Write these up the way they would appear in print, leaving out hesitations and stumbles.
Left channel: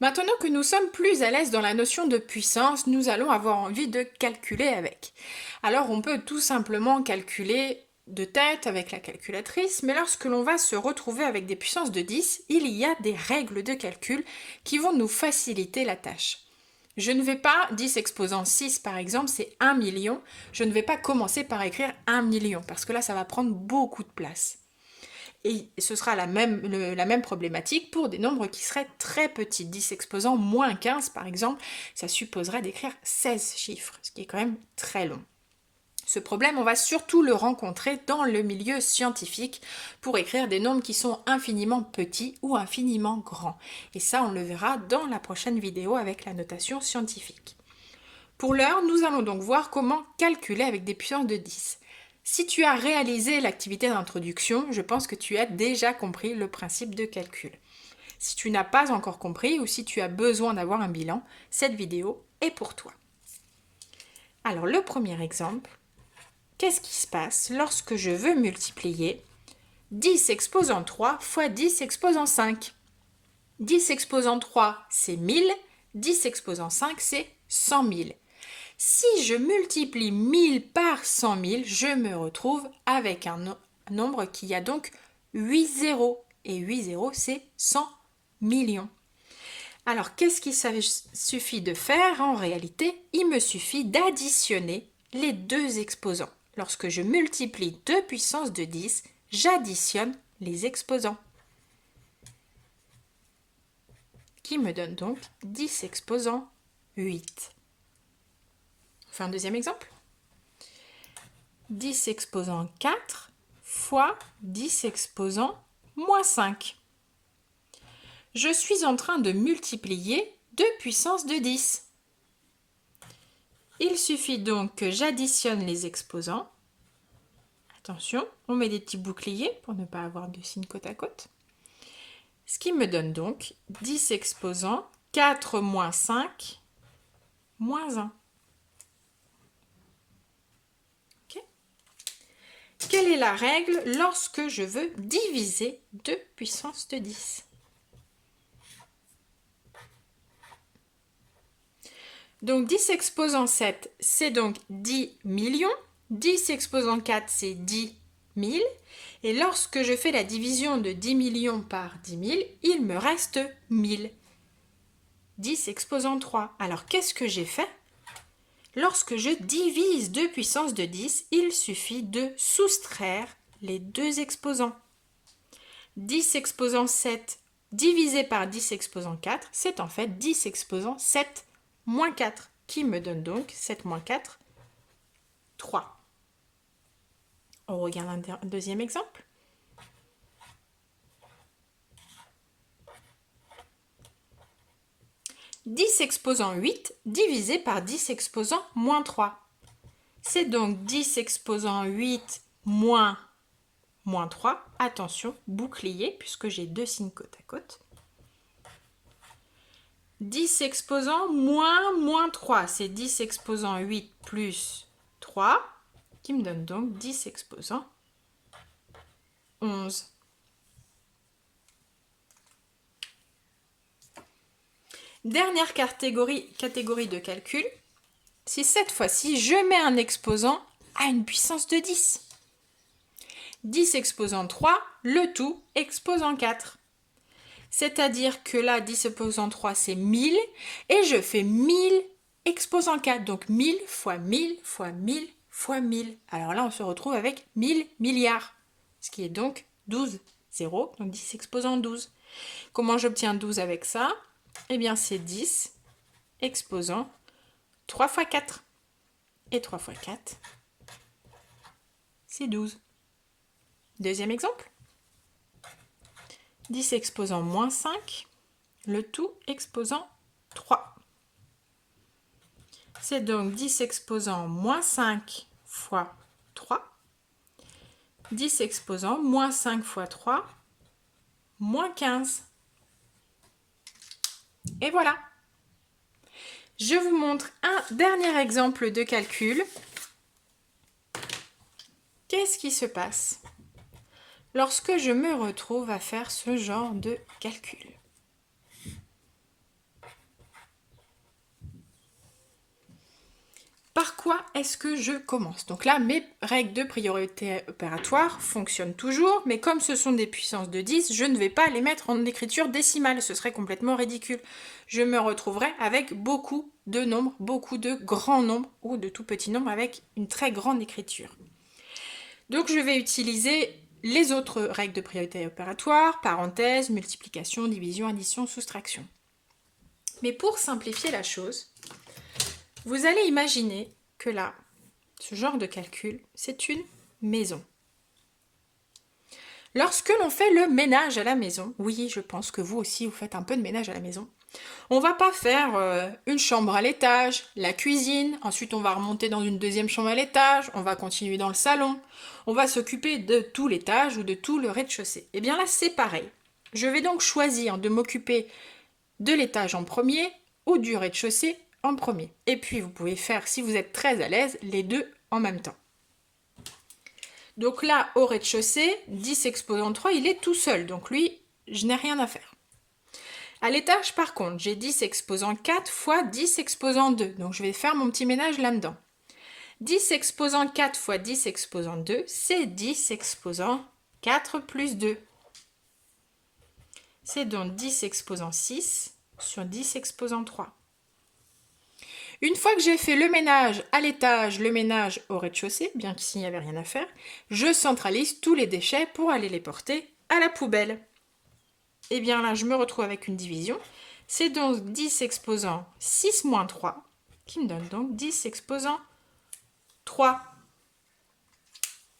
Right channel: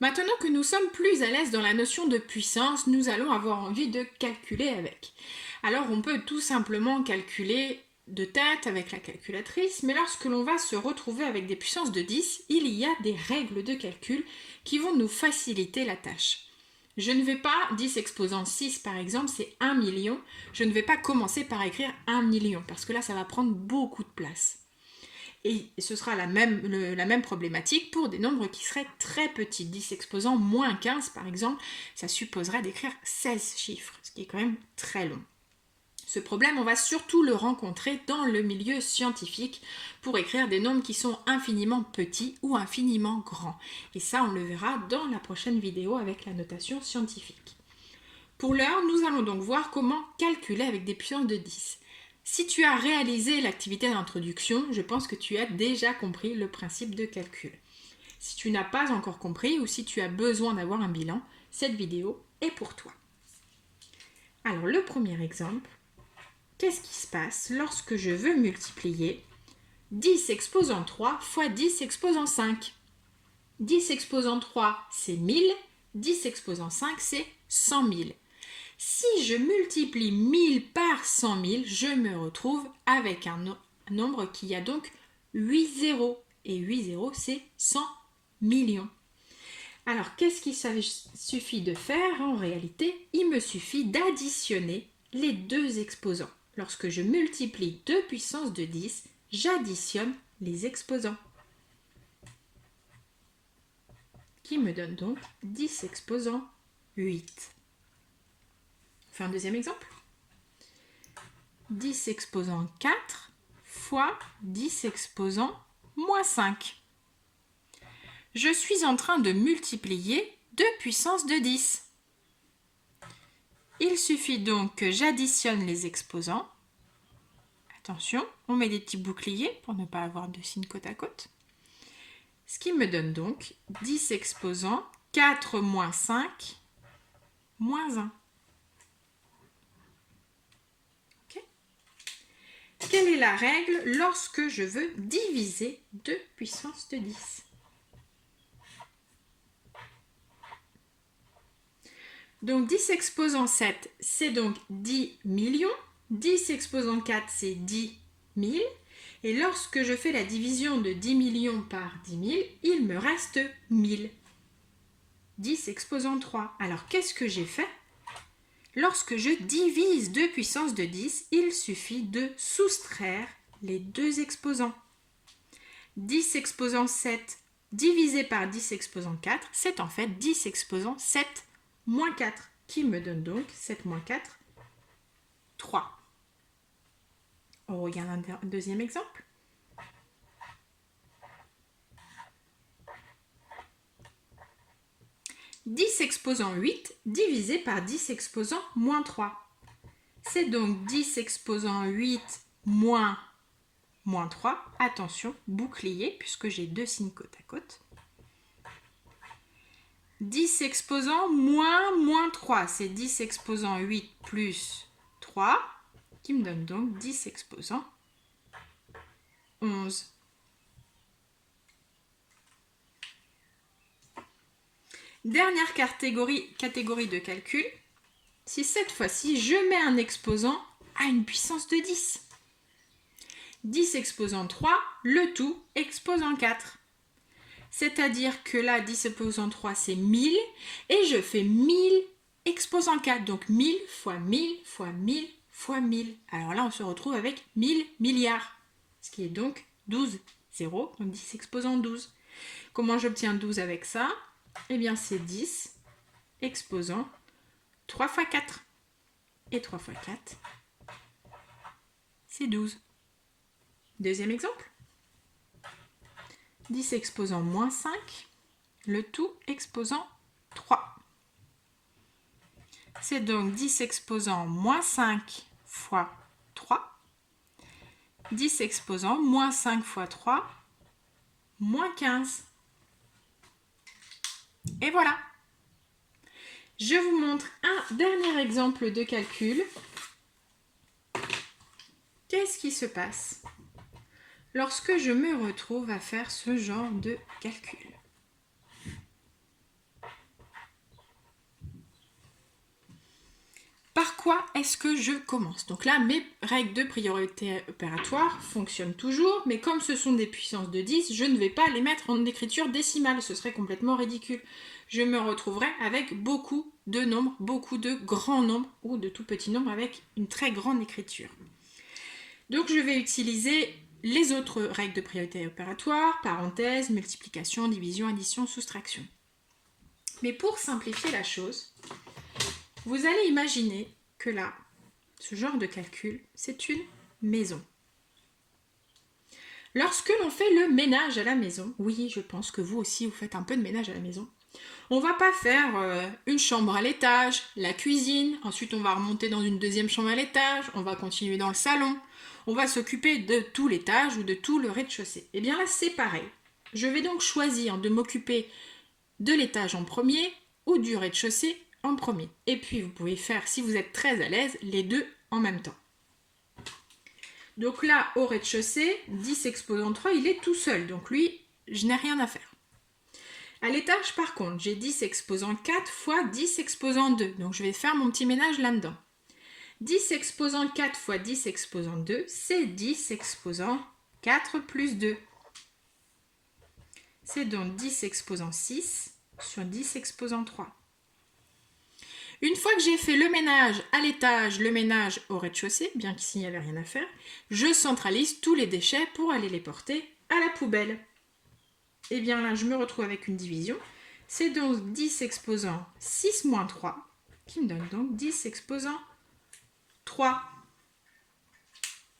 Maintenant que nous sommes plus à l'aise dans la notion de puissance, nous allons avoir envie de calculer avec. Alors on peut tout simplement calculer de tête avec la calculatrice, mais lorsque l'on va se retrouver avec des puissances de 10, il y a des règles de calcul qui vont nous faciliter la tâche. Je ne vais pas, 10 exposant 6 par exemple, c'est 1 million, je ne vais pas commencer par écrire 1 million, parce que là ça va prendre beaucoup de place. Et ce sera la même problématique pour des nombres qui seraient très petits. 10 exposant moins 15 par exemple, ça supposerait d'écrire 16 chiffres, ce qui est quand même très long. Ce problème, on va surtout le rencontrer dans le milieu scientifique pour écrire des nombres qui sont infiniment petits ou infiniment grands. Et ça, on le verra dans la prochaine vidéo avec la notation scientifique. Pour l'heure, nous allons donc voir comment calculer avec des puissances de 10. Si tu as réalisé l'activité d'introduction, je pense que tu as déjà compris le principe de calcul. Si tu n'as pas encore compris ou si tu as besoin d'avoir un bilan, cette vidéo est pour toi. Alors le premier exemple, qu'est-ce qui se passe lorsque je veux multiplier 10 exposant 3 fois 10 exposant 5? 10 exposant 3, c'est 1000, 10 exposant 5, c'est 100 000. Si je multiplie 1000 par 100 000, je me retrouve avec un nombre qui a donc 8 zéros. Et 8 zéros, c'est 100 millions. Alors, qu'est-ce qu'il suffit de faire en réalité? Il me suffit d'additionner les deux exposants. Lorsque je multiplie 2 puissance de 10, j'additionne les exposants. Qui me donne donc 10 exposant 8. On fait un deuxième exemple. 10 exposant 4 fois 10 exposant moins 5. Je suis en train de multiplier 2 puissance de 10. Il suffit donc que j'additionne les exposants. Attention, on met des petits boucliers pour ne pas avoir de signes côte à côte. Ce qui me donne donc 10 exposant 4 moins 5 moins 1. Okay. Quelle est la règle lorsque je veux diviser 2 puissance de 10? Donc 10 exposant 7, c'est donc 10 millions. 10 exposant 4, c'est 10 000. Et lorsque je fais la division de 10 millions par 10 000, il me reste 1000. 10 exposant 3. Alors qu'est-ce que j'ai fait? Lorsque je divise 2 puissance de 10, il suffit de soustraire les deux exposants. 10 exposant 7 divisé par 10 exposant 4, c'est en fait 10 exposant 7 moins 4, qui me donne donc 7 moins 4, 3. On regarde un deuxième exemple. « 10 exposant 8 divisé par 10 exposant moins 3. C'est donc 10 exposant 8 moins 3. Attention, bouclier, puisque j'ai deux signes côte à côte. 10 exposant moins 3, c'est 10 exposant 8 plus 3, qui me donne donc 10 exposant 11. Dernière catégorie de calcul, si cette fois-ci je mets un exposant à une puissance de 10. 10 exposant 3, le tout exposant 4. C'est-à-dire que là, 10 exposant 3, c'est 1000, et je fais 1000 exposant 4. Donc 1000 fois 1000 fois 1000 fois 1000. Alors là, on se retrouve avec 1000 milliards, ce qui est donc 12 zéros, donc 10 exposant 12. Comment j'obtiens 12 avec ça? Eh bien, c'est 10 exposant 3 fois 4. Et 3 fois 4, c'est 12. Deuxième exemple. 10 exposant moins 5, le tout exposant 3. C'est donc 10 exposant moins 5 fois 3. 10 exposant moins 5 fois 3, moins 15. Et voilà. Je vous montre un dernier exemple de calcul. Qu'est-ce qui se passe lorsque je me retrouve à faire ce genre de calcul? quoi est-ce que je commence? Donc là, mes règles de priorité opératoire fonctionnent toujours, mais comme ce sont des puissances de 10, je ne vais pas les mettre en écriture décimale, ce serait complètement ridicule. Je me retrouverai avec beaucoup de nombres, beaucoup de grands nombres ou de tout petits nombres avec une très grande écriture. Donc je vais utiliser les autres règles de priorité opératoire, parenthèse, multiplication, division, addition, soustraction. Mais pour simplifier la chose, vous allez imaginer que là, ce genre de calcul, c'est une maison. Lorsque l'on fait le ménage à la maison, oui, je pense que vous aussi, vous faites un peu de ménage à la maison, on va pas faire une chambre à l'étage, la cuisine, ensuite on va remonter dans une deuxième chambre à l'étage, on va continuer dans le salon, on va s'occuper de tout l'étage ou de tout le rez-de-chaussée. Et bien là, c'est pareil. Je vais donc choisir de m'occuper de l'étage en premier ou du rez-de-chaussée en premier. Et puis vous pouvez faire, si vous êtes très à l'aise, les deux en même temps. Donc là, au rez-de-chaussée, 10 exposant 3, il est tout seul. Donc lui, je n'ai rien à faire. À l'étage, par contre, j'ai 10 exposant 4 fois 10 exposant 2. Donc je vais faire mon petit ménage là-dedans. 10 exposant 4 fois 10 exposant 2, c'est 10 exposant 4 plus 2. C'est donc 10 exposant 6 sur 10 exposant 3. Une fois que j'ai fait le ménage à l'étage, le ménage au rez-de-chaussée, bien qu'ici il n'y avait rien à faire, je centralise tous les déchets pour aller les porter à la poubelle. Et bien là, je me retrouve avec une division. C'est donc 10 exposant 6 moins 3, qui me donne donc 10 exposant 3.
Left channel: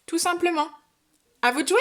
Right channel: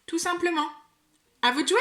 Tout simplement. À vous de jouer!